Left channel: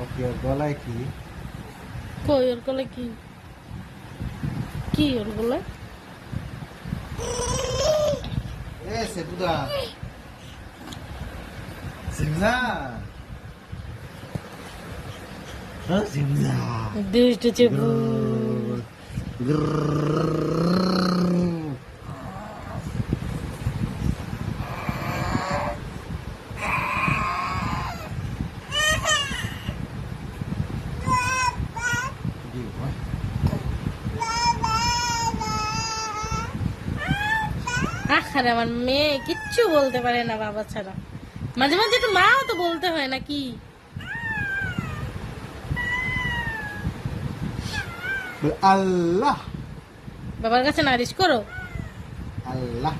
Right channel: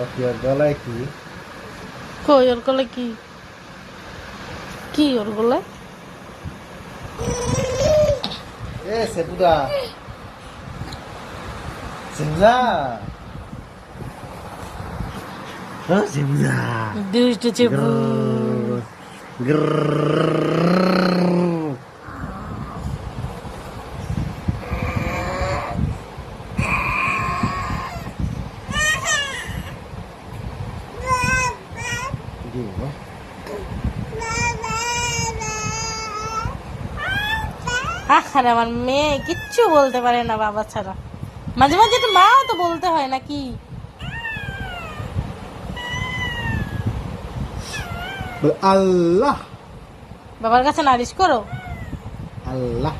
ওর গলায় কি? কই ওর গলায় কি? কি ওর গলায়? সেপুদা সিমলা সিমলা দুষ্টু চেপু। আরে আমার মেয়ে কিচ্ছু বলতে পারে না বাবা ছাড়া। মাঝে মাঝে একটু মাও তো বলতে হয় নাকি? আল্লাহ বাবার কাছে নালিশ করো। আল্লাহ